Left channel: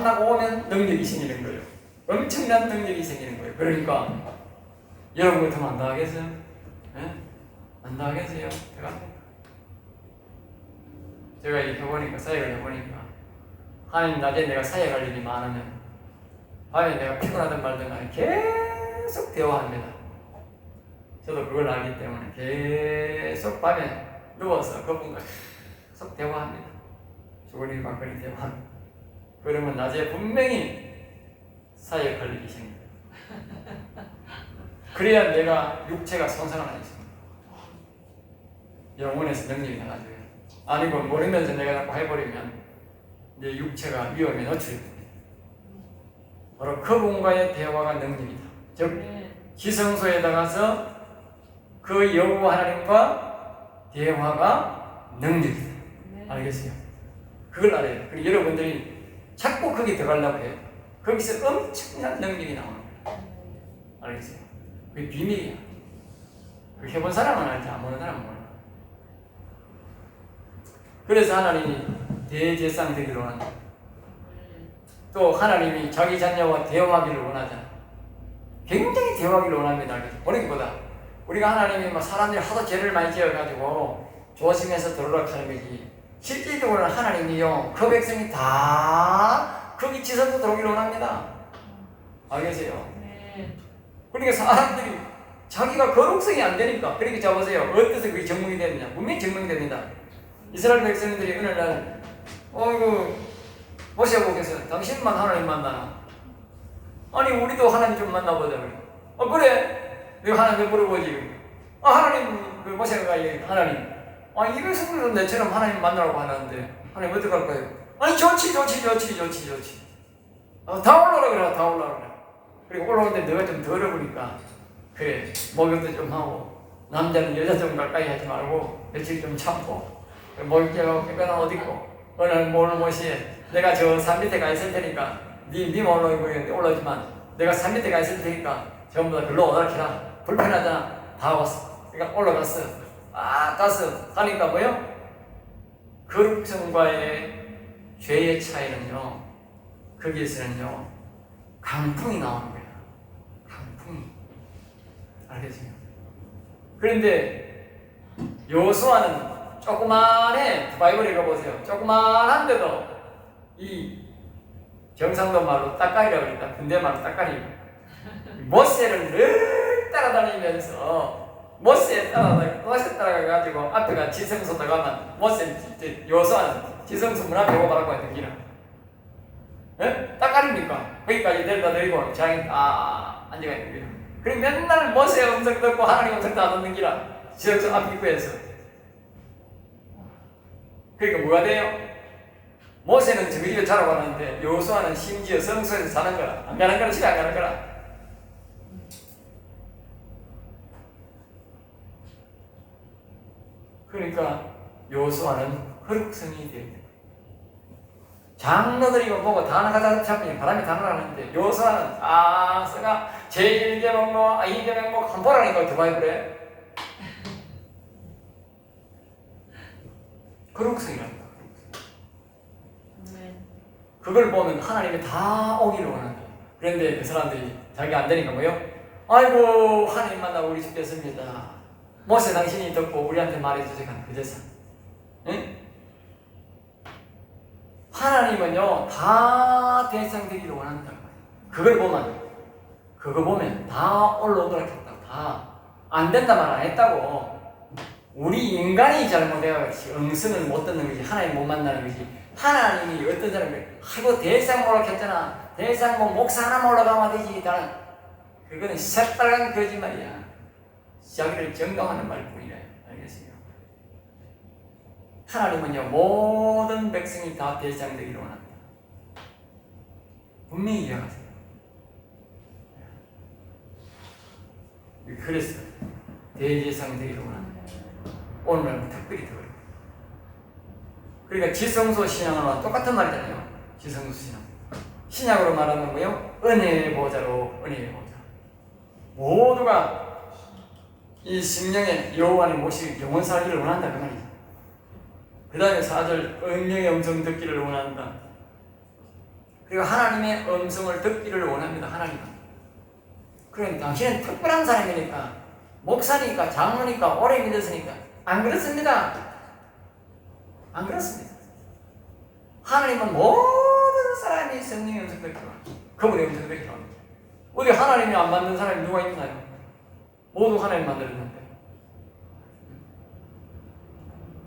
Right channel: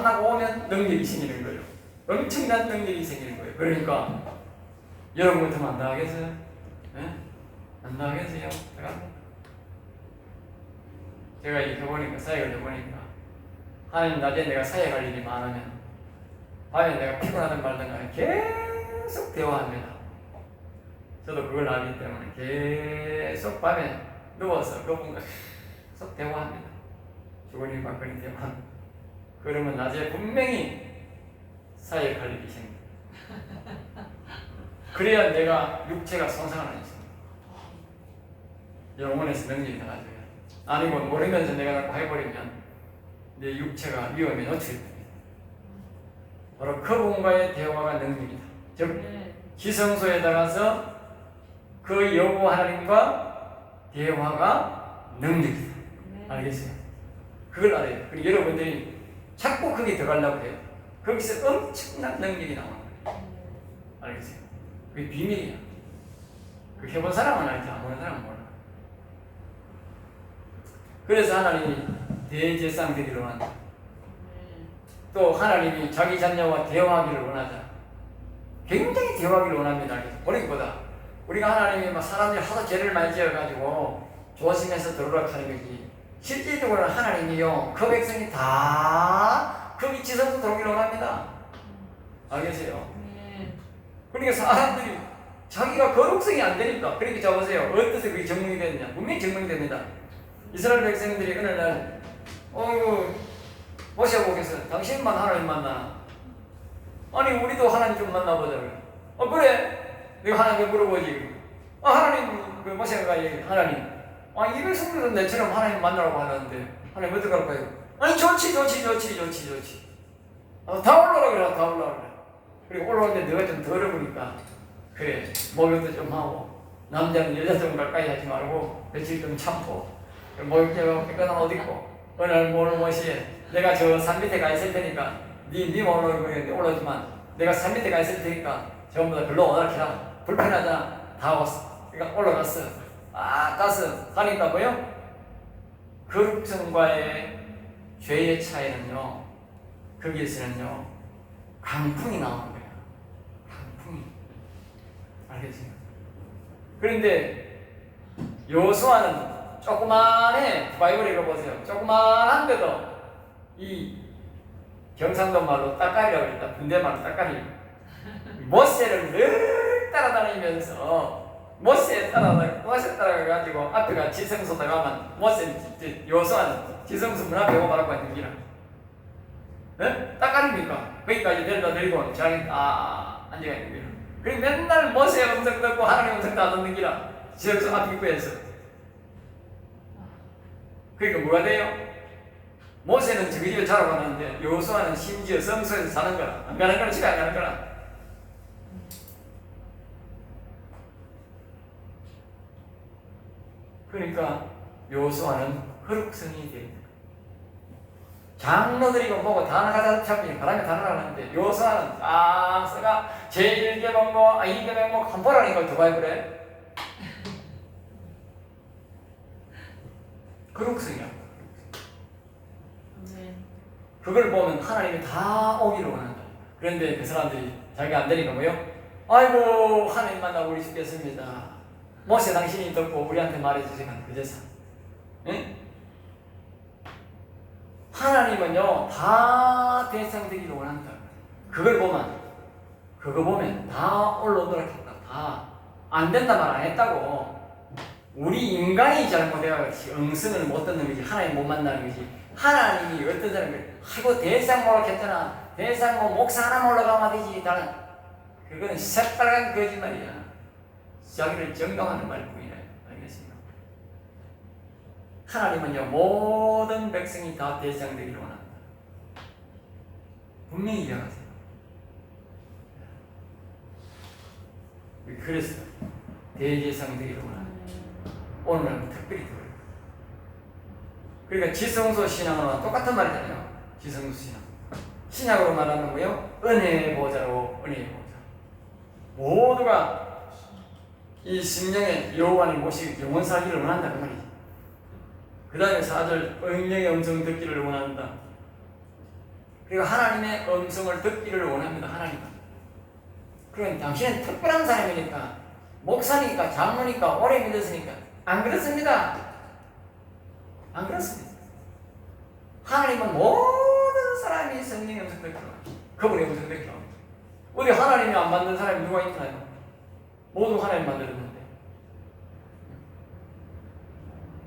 만나고 오면 능력이 생기는 거예요. 엄청난 능력이 생기는 거예요. 그러니까 여러분 같으면 안 나가겠어요? 예? 안 나가겠어요? 제가 이렇게 해보니까 사역을 해보니까 하나님 낮에 내가 사역할 일이 많으면 밤에 내가 피곤하든 말든 간에 계속 대화합니다. 저도 그걸 알기 때문에 계속 밤에 누워서 그분과 계속 대화합니다. 주거니 받거니 대화합니다. 그러면 낮에 분명히 사역할 일이 생깁니다. 그래야 내가 육체가 손상을 안 했습니다. 영혼에서 능력이 나가져요. 아니고 모르면서 내가 자꾸 해버리면 내 육체가 위험에 노출이 됩니다. 바로 그분과의 대화가 능력이다. 즉 네. 지성소에 나가서 그 여호 하나님과 대화가 능력이다. 네. 알겠어요? 그걸 알아야 돼요. 그리고 여러분들이 자꾸 거기 들어가려고 해요. 거기서 엄청난 능력이 나오는 거예요. 알겠어요? 그게 비밀이야. 그 해본 사람은 알지, 안 보는 사람은 몰라. 그래서 하나님이 대제상 되기를 원한다. 또 하나님이 자기 자녀와 대화하기를 원하잖아. 굉장히 대화하기를 원합니다. 보니보다 우리가 하나님이 막 사람들이 하도 죄를 많이 지어가지고 조심해서 들어오라 하는 거지. 실질적으로는 하나님이요 그 백성이 다 거기 지성소 들어오기를 원합니다. 알겠어요? 네. 그러니까 사람들이 자기가 거룩성이 안 되니까 그렇게 잡으세요. 어때서 그게 증명이 되느냐? 분명히 증명이 됩니다. 이스라엘 백성들이 어느 날 어이구 모셔보겠어요. 당신만 하나님 만나. 아니 우리도 하나님 좀 만나보자. 어 그래. 내가 하나님 물어보지. 아 하나님 그 모세가 얘기 하나님. 아이 백성들은 내처럼 하나님 만나라고 하는데 하나님 어떻게 할까요? 아니 좋지 좋지 좋지 좋지 좋지. 어, 다 올라라 그래 다 올라라 그래. 그리고 올라오는데 너가 좀 더러우니까 그래 목욕도 좀 하고 남자는 여자 좀 가까이 하지 말고 며칠 좀 참고 목욕하고 깨끗한 옷 입고 어느 날 오늘 모시에 내가 저 산 밑에 가 있을 테니까 니, 니 올라오고 올라오지만 내가 산 밑에 가 있을 테니까 전부 다 글로 오라 키라 불편하잖아 다 왔어 그러니까 올라갔어 아 가니까 뭐요? 거룩성과의 죄의 차이는요 거기에서는요 강풍이 나오는 거예요 강풍이. 알겠어요? 그런데 요수아는 조그만해 바이블 읽어보세요. 조그만한데도 이 경상도 말로 따까리라고 그랬다. 군대 말로 따까리 모세를 늘 따라다니면서 모세 따라다 모세 따라가가지고 앞에가 지성소 들어가면 모세 요수아는 지성소 문 앞에 오고 바라고 있는 기라 예? 따까리니까? 거기까지 데려다 데리고 장이 딱 앉아가 있는 거예요 그리고 맨날 모세 음성 듣고 하나님 음성도 안 듣는 기라 지성소 앞 입구에서? 그러니까 뭐가 돼요? 모세는 저기 집에 자라고 하는데 여호수아는 심지어 성소에서 사는 거라. 안 가는 거라 집에 안 가는 거라 그러니까 여호수아는 거룩성이 되어 있는 거예요. 장로들이 이거 보고 다 나가다 잡으니 바람에 다 나가는데 여호수아는 아 쓰가 제1개 먹고 아2개 먹고 한보라니까 두바이 그래 거룩성이라는 거야 네. 그걸 보면 하나님이 다 오기를 원한다. 그런데 그 사람들이 자기 안 되니까 뭐요? 아이고 하나님 만나고 우리 죽겠습니다. 모세 당신이 듣고 우리한테 말해주세요. 그제서 응? 하나님은요 다 대상되기를 원한다. 그걸 보면 그거 보면 다 올라오도록 했다. 다안 된다 말 안 했다고. 우리 인간이 잘못해가지고 응승을 못 듣는 거지 하나님 못 만나는 거지 하나님이 어떤 사람이 하고 대상 몰락했잖아 대상 뭐 목사 하나 올라가면 되지 나는 그거는 새빨간 거짓말이야 자기를 정당하는 말뿐이야 알겠습니까 하나님은요 모든 백성이 다 대상되기를 원한다 분명히 이해하세요 그래서 대제상 되기를 원한다 오늘은 특별히 들어요. 그러니까 지성소 신앙과 똑같은 말이잖아요. 지성소 신앙. 신약으로 말하는 거요. 은혜의 보좌로 은혜의 보좌. 모두가 이 심령의 여호와의 모시 영원 살기를 원한다 그 말이지. 그 다음에 사절 응령의 음성 듣기를 원한다. 그리고 하나님의 음성을 듣기를 원합니다. 하나님. 그럼 당신은 특별한 사람이니까 목사니까 장로니까 오래 믿었으니까 안 그렇습니다. 안 그렇습니다. 하나님은 모든 사람이 성령의 음성 듣기로. 그분의 음성 듣기로. 어디 하나님이 안 만든 사람이 누가 있나요? 모두 하나님 만들었는데.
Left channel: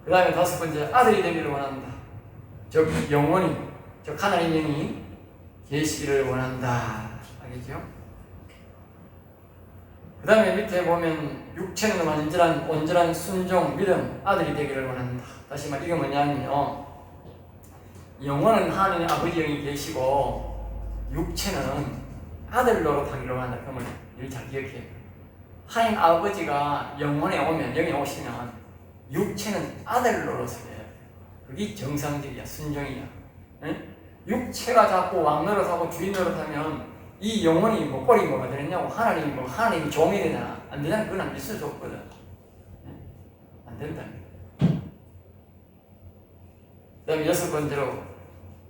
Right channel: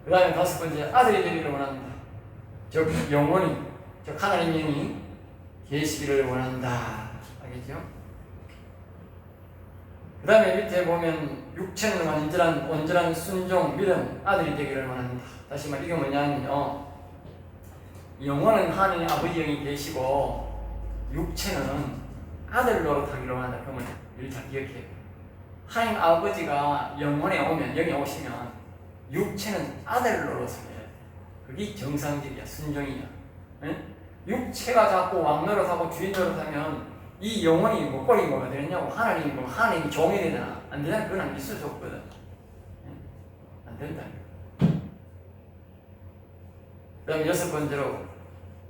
그 다음에 다섯 번째 아들이 되기를 원한다. 즉 영원히 즉 하나님 영이 계시기를 원한다. 알겠죠? 그 다음에 밑에 보면 육체는 완전한 온전한 순종 믿음 아들이 되기를 원한다. 다시 말 이게 뭐냐면요. 영혼은 하나님 아버지 영이 계시고 육체는 아들 노릇하기를 원한다. 그러면 일잘 기억해요. 하나님 아버지가 영혼에 오면 영에 오시면 육체는 아들 노릇을 해요. 그게 정상적이야 순종이야. 응? 육체가 자꾸 왕 노릇하고 주인 노릇하면 이 영혼이 뭐 꼴이 뭐가 되느냐고 하나님이 뭐 하나님 종이 되잖아. 안 되잖아. 그건 안 있을 수 없거든. 응? 안 된다. 그다음 여섯 번째로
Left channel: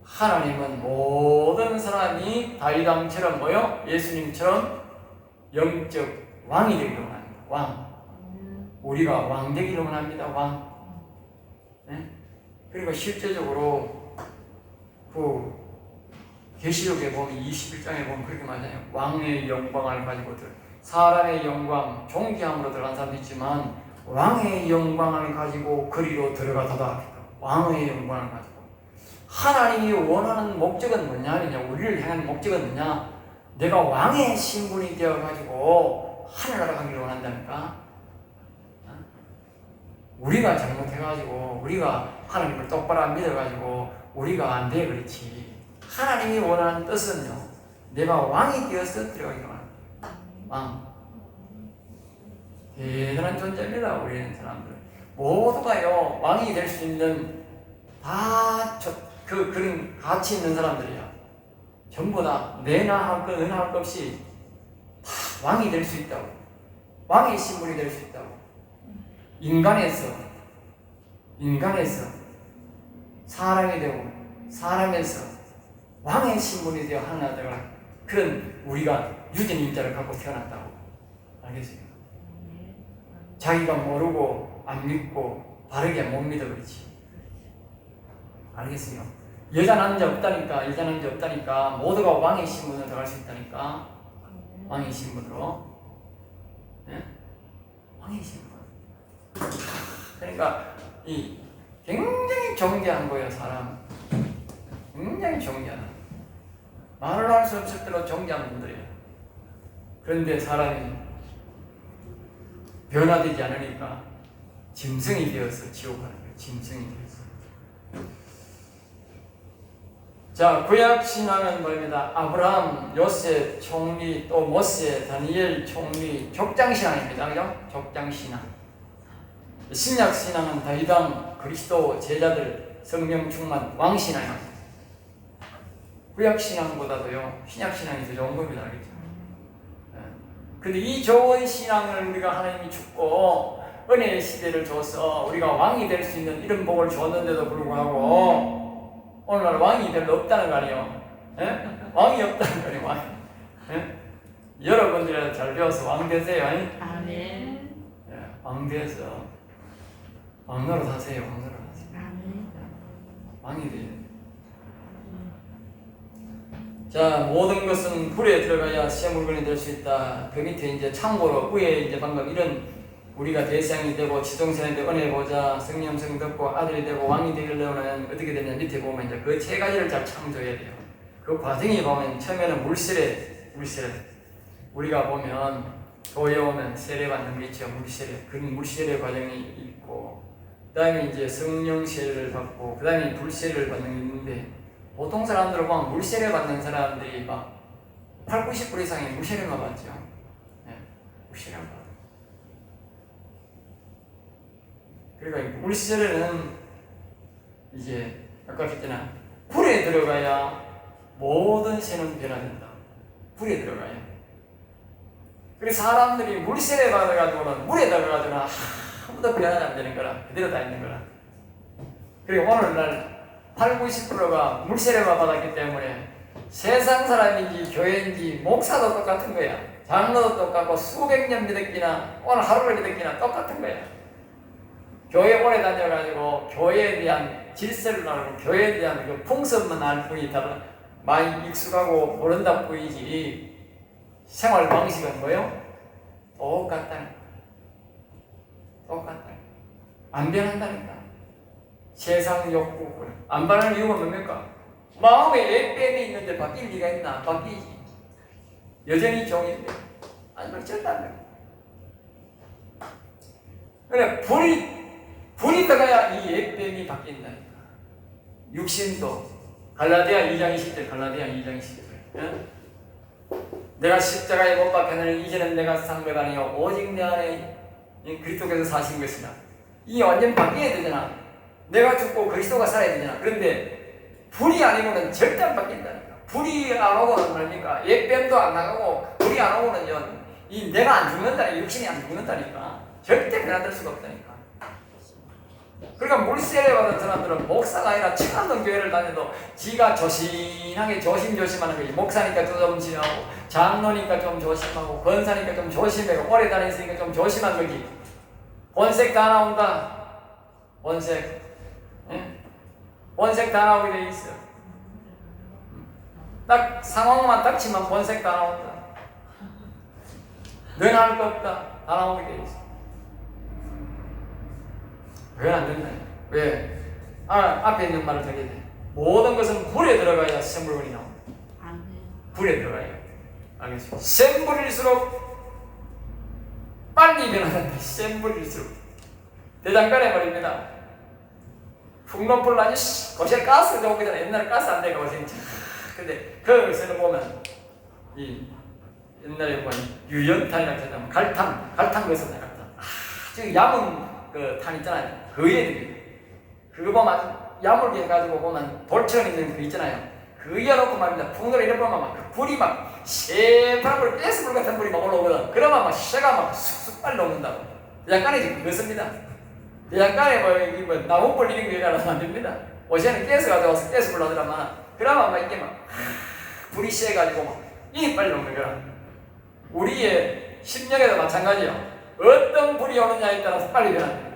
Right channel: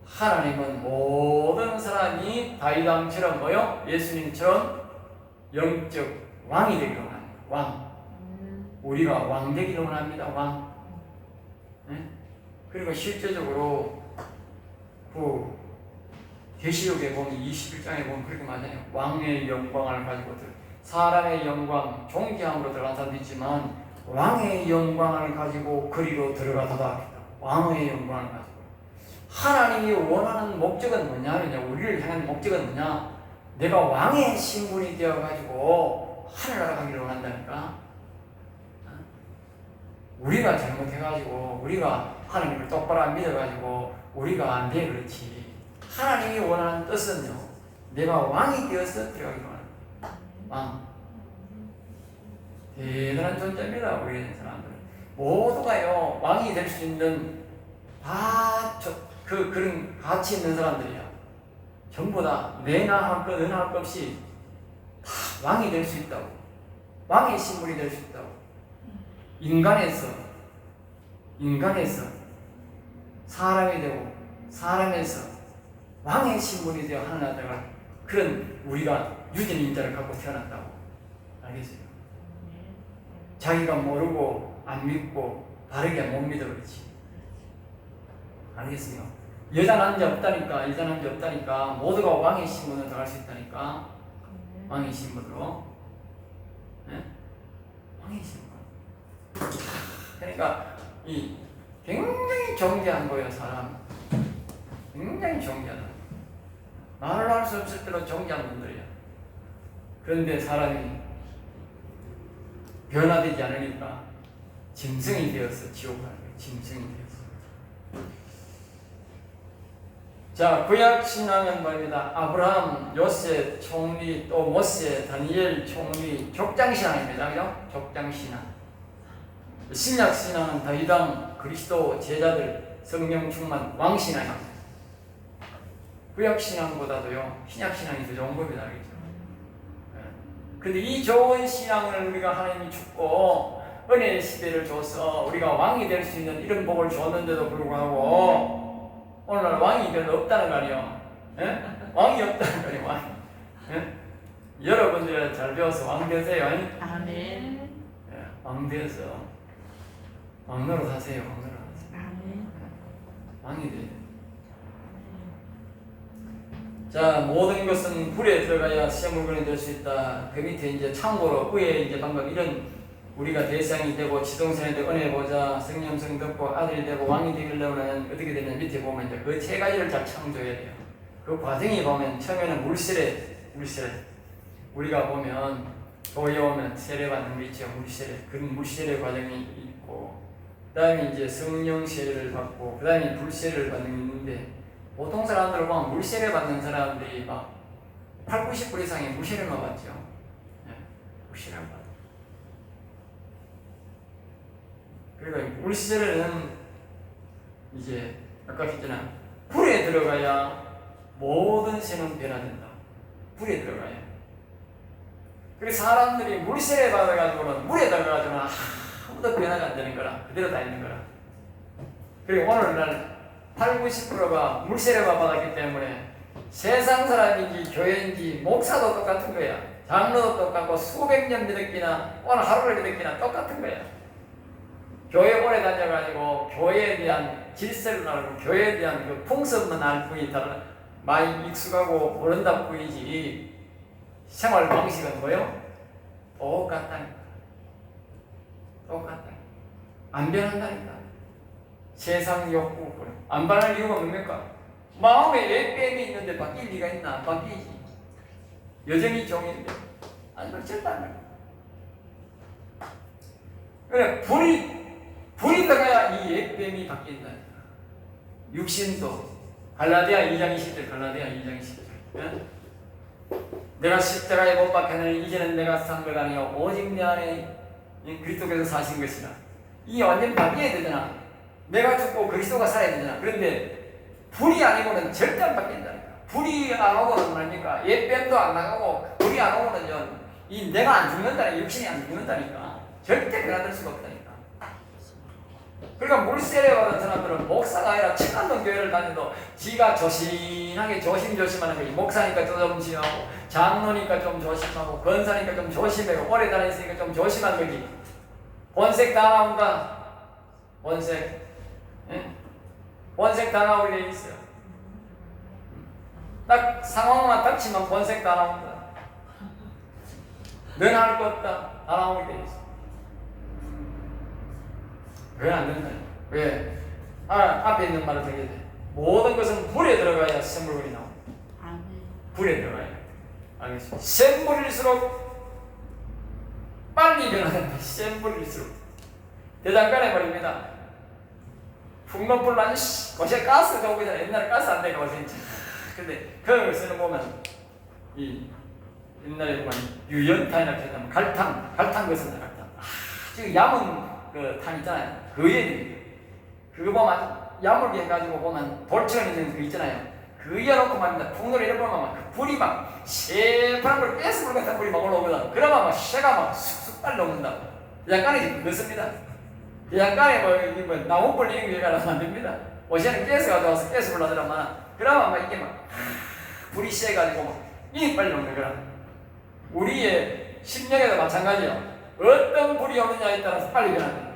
하나님은 모든 사람이 다이담처럼 뭐요? 예수님처럼 영적 왕이 되기를 원합니다. 왕. 우리가 왕 되기를 원합니다. 왕. 예? 그리고 실제적으로 그 계시록에 보면 21장에 보면 그렇게 말하잖아요. 왕의 영광을 가지고 들 사람의 영광 존귀함으로 들어간 사람도 있지만 왕의 영광을 가지고 거리로 들어가도다. 왕의 영광을 가지고 하나님이 원하는 목적은 뭐냐? 그냐 우리를 향한 목적은 뭐냐? 내가 왕의 신분이 되어 가지고 하늘나라 가기를 원한다니까. 우리가 잘못해가지고 우리가 하나님을 똑바로 안 믿어가지고 우리가 안 돼 그렇지. 하나님이 원하는 뜻은요 내가 왕이 되어서 들어가기로 합니다. 왕. 대단한 존재입니다 우리는 사람들. 모두가요 왕이 될 수 있는 다그 그런 가치 있는 사람들이야. 전부 다 내나 할 것, 너나 할것 없이 다 왕이 될 수 있다고 왕의 신분이 될 수 있다고 인간에서 인간에서 사람이 되고 사람에서 왕의 신분이 되어 하나 되어 그런 우리가 유전 인자를 갖고 태어났다고 알겠어요? 자기가 모르고 안 믿고 다르게 못 믿어 그렇지 알겠어요? 여자 남자 없다니까 여자 남자 없다니까 모두가 왕의 신분으로 들어갈 수 있다니까 왕의 신분으로. 네? 왕의 신분. 그러니까 이 굉장히 존귀한 거예요 사람. 굉장히 존귀한 말을 할 수 없을 때로 존귀한 분들이에요. 그런데 사람이 변화되지 않으니까 짐승이 되어서 지옥 가는 거예요 짐승이 되어서 자 구약 신앙은 뭐입니다 아브라함, 요셉, 총리 또 모세, 다니엘, 총리 족장 신앙입니다 그죠? 족장 신앙 신약 신앙은 더 이상 그리스도 제자들 성령 충만 왕 신앙입니다. 구약 신앙보다도요 신약 신앙이 더 좋은 겁니다, 알겠죠? 예. 근데 이 좋은 신앙을 우리가 하나님이 주고 은혜의 시대를 줘서 우리가 왕이 될 수 있는 이런 복을 줬는데도 불구하고 오늘날 왕이 별로 없다는 거 아니에요? 예? 왕이 없다는 거 아니에요? 왕. 예? 여러분들이 잘 배워서 왕 되세요. 아니? 아멘. 예, 왕 되어서 왕노릇 하세요. 왕노릇 하세요. 아멘. 왕이 돼요. 자, 모든 것은 불에 들어가야 시험 물건이 될 수 있다. 그 밑에 이제 참고로 위에 이제 방금 이런 우리가 대상이 되고 되고 은혜 보자 성령 성 듣고 아들이 되고 왕이 되려면 어떻게 되냐 밑에 보면 이제 그 세 가지를 잘 참조해야 돼요. 그 과정이 보면 처음에는 물세례, 물세례. 우리가 보면 교회 오면 세례 받는 게 있죠. 물세례. 그런 물세례 과정이 있고 그 다음에 이제 성령 세례를 받고 그 다음에 불세례를 받는 게 있는데 보통 사람들은 막 물세례 받는 사람들이 막 8, 90% 이상의 물세례만 받죠. 네, 물세례만 받 그러니까 이 물세례는 이제 아까 했잖아 불에 들어가야 모든 새는 변화된다. 불에 들어가야. 그래서 사람들이 물세례 받아가지고는 물에 들어가지고는 아무도 변화가 안 되는 거라 그대로 다 있는 거라. 그리고 오늘날 8, 90%가 물세례만 받았기 때문에 세상 사람인지 교회인지 목사도 똑같은 거야. 장로도 똑같고 수백 년 믿었기나 오늘 하루를 믿었기나 똑같은 거야. 교회 오래 다녀가지고 교회에 대한 질서를 알고 교회에 대한 그 풍습만 알 뿐이 달라 많이 익숙하고 모른다 뿐이지 생활 방식은 뭐요? 똑같다니까. 똑같다. 안 변한다니까. 세상 욕구. 안 변할 이유가 뭡니까? 마음에 애뺨이 있는데 바뀔 리가 있나? 안 바뀌지. 여전히 종인데 아니 어쨌다는 그래 불이 불이 들어가야 이 애뺨이 바뀐다니까. 육신도 갈라디아 2장 20절 갈라디아 2장 20절. 예? 내가 십자가에 못 박혀는 이제는 내가 산것 아니요. 오직 내 안에 이 그리스도께서 사신 것이라 이 완전 바뀌어야 되잖아. 내가 죽고 그리스도가 살아야 되잖아. 그런데 불이 아니고는 절대 안 바뀐다니까. 불이 안 오고는 뭡니까? 옛뱀도 안 나가고 불이 안 오고는요 이 내가 안 죽는다니까 육신이 안 죽는다니까. 절대 변화될 수가 없다니까 그러니까 물세례 받은 사람들은 목사가 아니라 천안동 교회를 다녀도 지가 조신하게 조심조심하는 거지. 목사니까 좀 조심하고 장로니까 좀 조심하고 권사니까 좀 조심하고 오래 다녔으니까 좀 조심한 거지. 본색 다 나온다. 본색. 예? 본색 다 나오게 돼 있어 딱 상황만 닥치면 본색 다 나온다. 넌 할 거 없다. 다 나오게 돼 있어 왜 안 된다? 왜? 아, 앞에 있는 말을 되게 돼. 모든 것은 불에 들어가야 나와. 아멘. 불에 들어가야 돼. 알겠지? 센 불일수록 빨리 변하는데 센 불일수록 대장간에 말입니다. 풍론불 아주 거기에 가스 들어오기 전에 옛날에 가스 안 되고 진짜. 근데 거기서는 보면 이 옛날에 보면 유연탄이라 했다면 갈탄, 갈탄 것은 갈탄. 아주 얇은 그탄 있잖아요. 그에 그거 보면 야물게 해가지고 보면 돌처럼 있는 그 있잖아요. 그 이어놓고 말입니다. 이래 보면 막그 불이 막 새파란 걸 가스불 같은 불이 막 올라오거든. 그러면 막 새가 막 쑥쑥. 대장간에 지금 그렇습니다. 대장간에 뭐, 이게 뭐 나무불 이런 게 가라면 안 됩니다. 어제는 가스 가져와서 가스 불러들어만 그러면 막 이게 막 불이 세가지고 막 이게 빨리 녹는 거라. 우리의 심령에도 마찬가지야. 어떤 불이 오느냐에 따라서 빨리 변한다.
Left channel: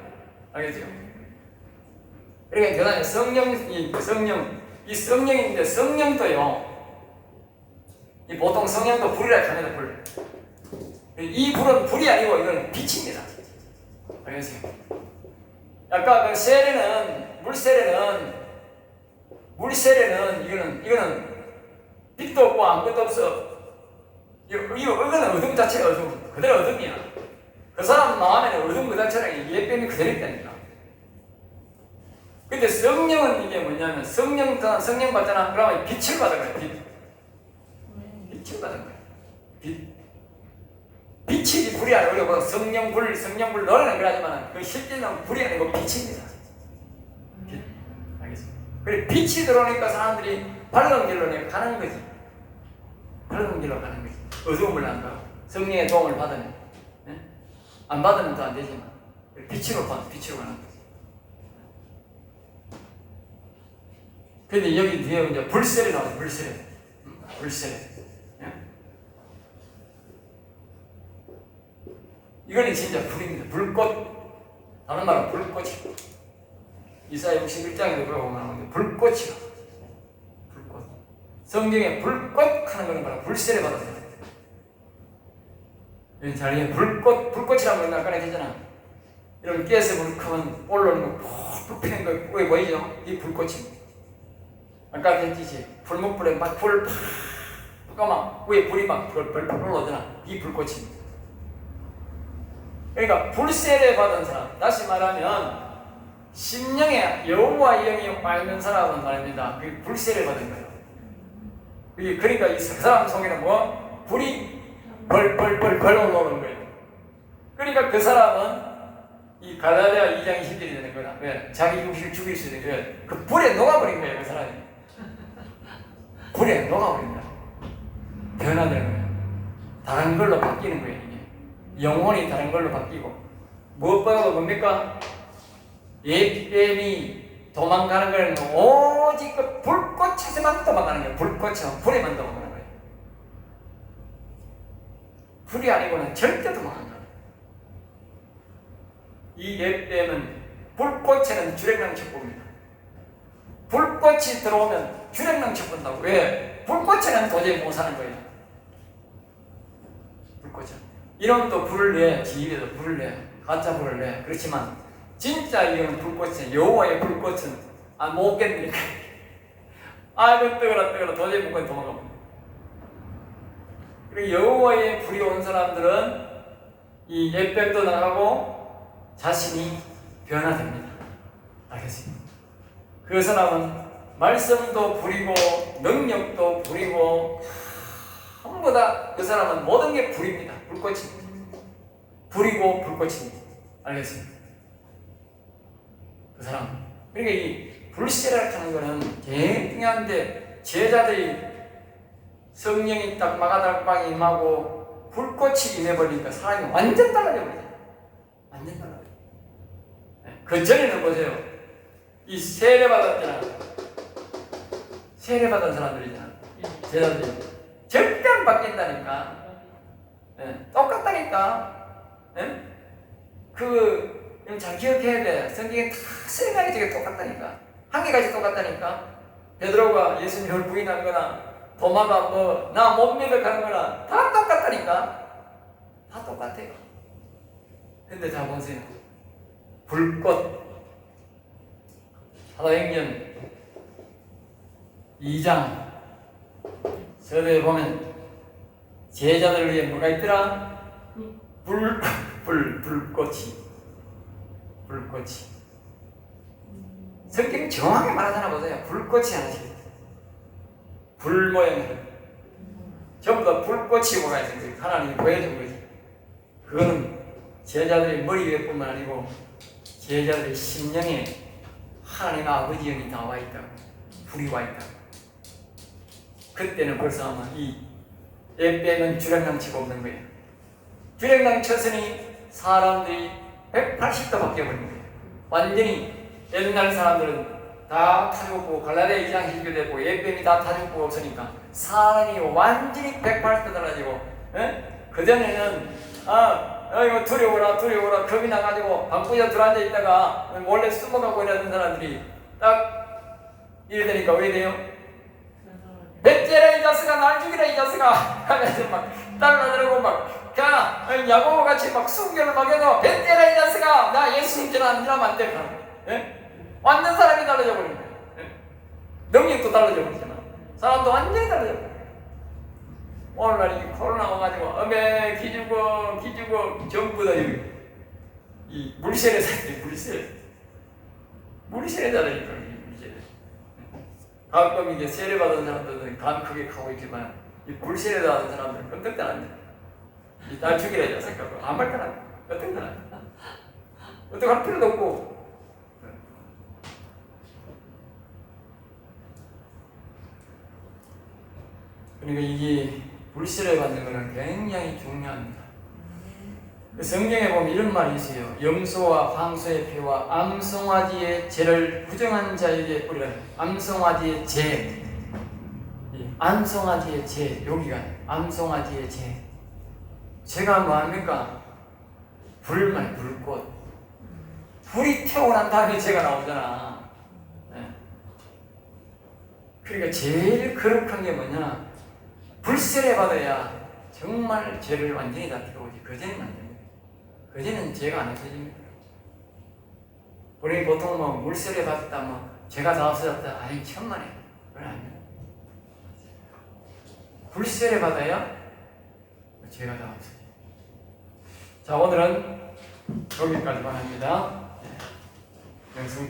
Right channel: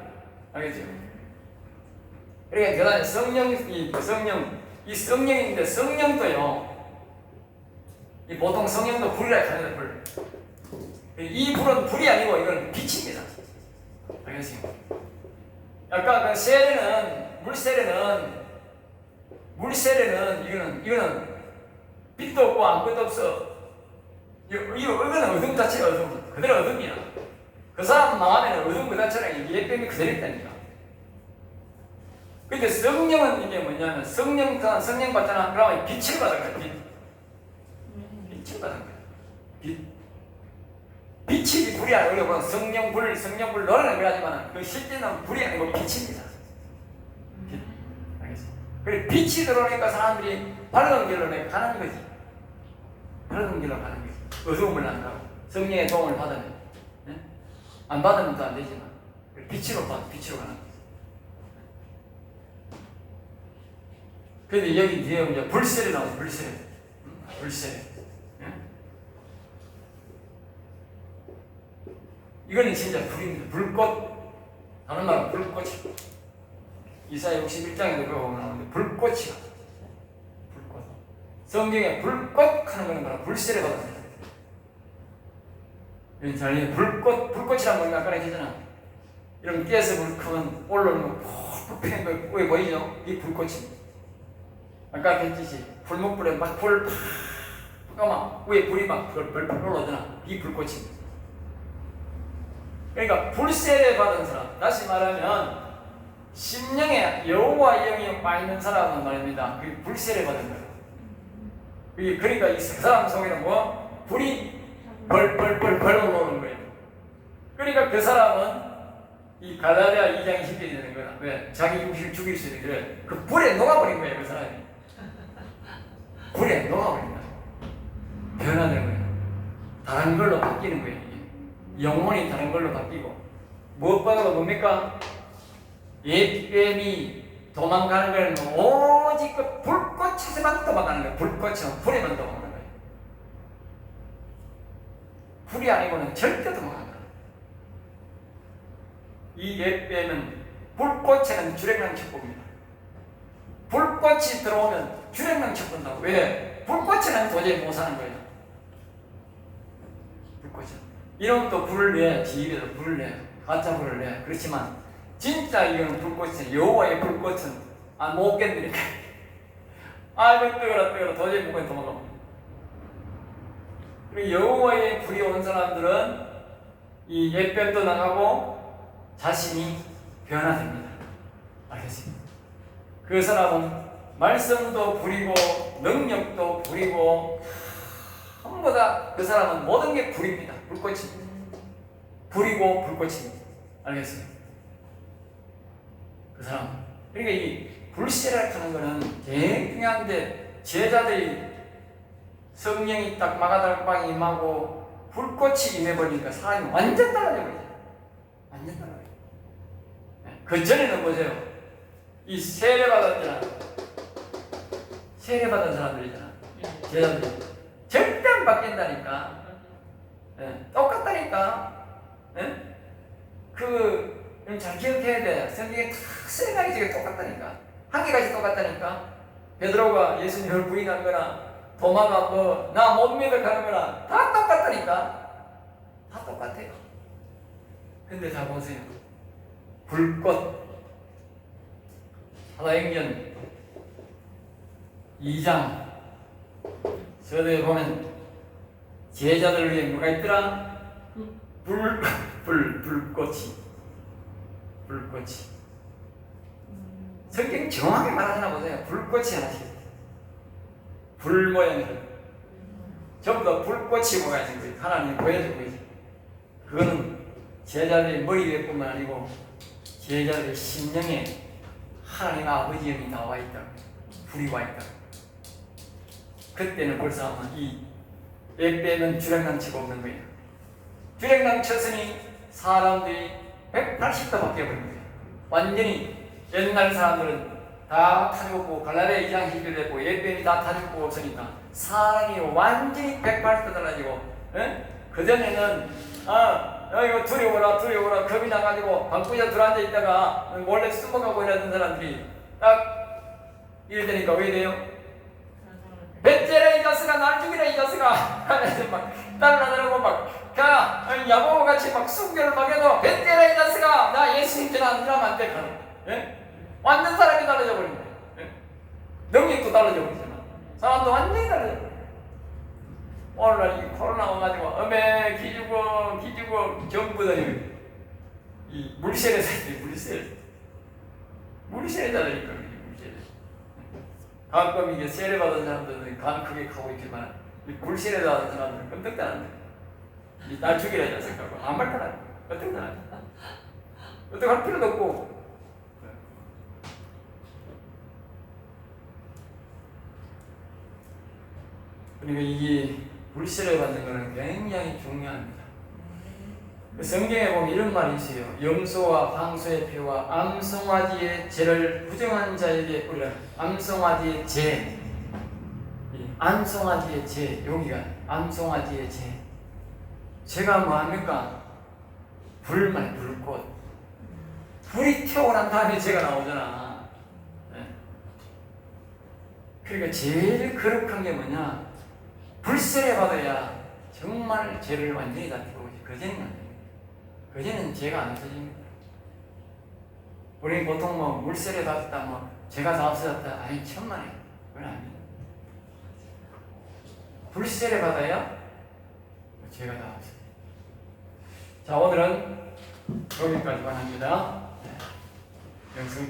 알겠죠? 그러니까 대단히 성령이 그 성령 이 성령인데 성령도요. 이 보통 성령도 불이라 합니다 불. 이 불은 불이 아니고 이건 빛입니다. 알겠습니까? 아까 그 세례는 물 세례는 물 세례는 이거는 이거는 빛도 없고 아무것도 없어. 이거 이거 이거는 어둠 자체가 어둠 그대로 어둠이야. 그 사람 마음에는 어둠 그 자체랑 예뱀이 그대로 있다니까. 근데 성령은 이게 뭐냐면 성령 성령 받잖아. 그러면 빛을 받은 거야. 빛. 빛을 받은 거야. 빛. 빛이 불이 아니고 성령 불, 성령 불 너라는 그러지만 그 실제는 불이 아니고 빛입니다. 빛. 알겠어? 그래 빛이 들어오니까 사람들이 밝은 길로 내 가는 거지. 밝은 길로 가는 거지. 어두움을 안 가고 성령의 도움을 예? 안 받으면 또 안 되지만 빛으로 받, 빛으로 가는 거지. 근데 여기 뒤에 이제 불세례 나와 불세례. 음, 불세례. 예? 이거는 진짜 불입니다. 불꽃. 다른 말은 불꽃이 이사야 61장에도 그러고 나오는데 불꽃이야. 불꽃. 성경에 불꽃 하는 거는 바로 불세례 거예 잘 불꽃 불꽃이라는 건 아까 얘기했잖아. 이런 가스 불 크면 올라오는 거 푹푹 피는 거 위에 보이죠? 이 불꽃입니다 아까 했듯이 불목불에 막 불을 팍막 위에 불이 막 벌벌 올라오잖아. 이 불꽃입니다 그러니까 불세례 받은 사람. 다시 말하면 심령에 여호와 영이 와 있는 사람은 말입니다. 그 불세례 받은 거예요. 이 그러니까 이 사람 속에는 뭐? 불이 벌벌벌벌 올라오는 거예요 그러니까 그 사람은 이 갈라디아 2장 20절이 되는 거야 왜 자기 육신을 죽일 수 있는 거예요 그 불에 녹아버린 거예요 그 사람이 불에 녹아버린다. 변화되는 거예요. 다른 걸로 바뀌는 거예요, 이게. 영혼이 다른 걸로 바뀌고. 무엇보다도 뭡니까? 옛뱀이 도망가는 건 오직 그 불꽃에서만 도망가는 거예요. 불꽃에서 불에만 도망가는 거예요. 불이 아니고는 절대 도망간다. 이 예배는 불꽃에는 주랭랑 척봅니다. 불꽃이 들어오면 주랭랑 척본다고. 왜? 불꽃에는 도저히 못 사는 거예요. 불꽃은. 이놈도 불을 내, 지입에도 불을 내, 가짜 불을 내. 그렇지만 진짜 이건 불꽃은 여호와의 불꽃은 아 못 견디니까. 아이고 뜨거라 뜨거라 도저히 못 견디 도망갑니다. 그리고 여호와의 불이 온 사람들은 이 옛뱀도 나가고 자신이 변화됩니다. 알겠습니다. 그 사람은 말씀도 부리고 능력도 부리고 전부 다 그 사람은 모든 게 불입니다. 불꽃입니다. 불이고 불꽃입니다. 알겠습니다. 그 사람. 그러니까 이 불세라 하는 거는 중요한데 제자들이 성령이 딱 마가달방에 임하고 불꽃이 임해버리니까 사람이 완전 달라져 버리죠. 완전 달라져. 그 전에는 보세요. 이 세례 받았잖아. 세례 받은 사람들이잖아. 제자들이 절대 안 바뀐다니까. 예, 똑같다니까. 예? 그, 잘 기억해야 돼. 성경에 다세 가지가 똑같다니까. 한 개까지 똑같다니까. 베드로가 예수님을 부인한 거나, 도마가 뭐, 나 못 믿어 가는 거나, 다 똑같다니까. 다 똑같아요. 근데 자 보세요. 불꽃. 사도행전 2장. 서두에 보면, 제자들을 위해 뭐가 있더라? 불, 불, 불꽃이. 불꽃이. 성경이 정확하게 말하잖아 보세요. 불꽃이 하나씩. 불 모양으로. 전부 다 불꽃이 뭐가 있는 거지. 하나님이 보여준 거지. 그거는 제자들의 머리 위에뿐만 아니고 제자들의 심령에 하나님 아버지 영이 나와 있다. 불이 와 있다. 그때는 벌써 아마 이 예배는 주량강 치고 없는 거예요. 주량강 쳤으니 사람들이 180도 바뀌어버린 거예요. 완전히 옛날 사람들은 다 타죽고 갈라데 이장 희교되고 예배이 다 타죽고 없으니까 사람이 완전히 180도 달라지고 그전에는 아 이거 두려워라 두려워라 겁이 나가지고 방구에 들어앉아 있다가 몰래 숨어가고 이러던 사람들이 딱 이래 되니까 왜 돼요? 뱃째라 이 자식아 날 죽이라 이 자식아 하면서 막 달라들고 막자 야고보 같이 막 순교를 먹여도 뱃째라 이 자식아 나 예수 믿지 않으면 안돼 하는 예? 완전 사람이 달라져 버린 거예요 예? 능력도 달라져 버리잖아 사람도 완전히 달라져 버려 오늘날 이 코로나 와가지고 어메 기죽어 기죽어 전부 다 여기 이 물세례 사람들이 물세례 물세례잖아 이거 물세례 가끔 이게 세례 받은 사람들은 간 크게 가고 있지만 이 불세례 받은 사람들은 끔찍도 안 돼. 이날 죽이라 이 자식하고 아무 말도 안 해. 어떻게 안 해. 어떻게 할 필요도 없고. 그러니까 이게 불세례 받는 거는 굉장히 중요합니다. 그 성경에 보면 이런 말이 있어요. 염소와 황소의 피와 암송아지의 죄를 부정한 자에게 뿌리라. 암송아지의 죄. 이 암송아지의 죄. 여기가 암송아지의 죄. 죄가 뭐합니까? 불만 불꽃. 불이 태어난 다음에 죄가 나오잖아. 예. 그러니까 제일 거룩한 게 뭐냐? 불세례 받아야 정말 죄를 완전히 다 태우지. 그전에는 안 돼. 그전에는 죄가 안 없어집니다. 우리 보통 뭐 물세례 받았다, 뭐 죄가 다 없어졌다, 아니 천만에 그건 아닙니다. 불세례 받아야 죄가 다 없어져. 자 오늘은 여기까지만 합니다. 네. 영성.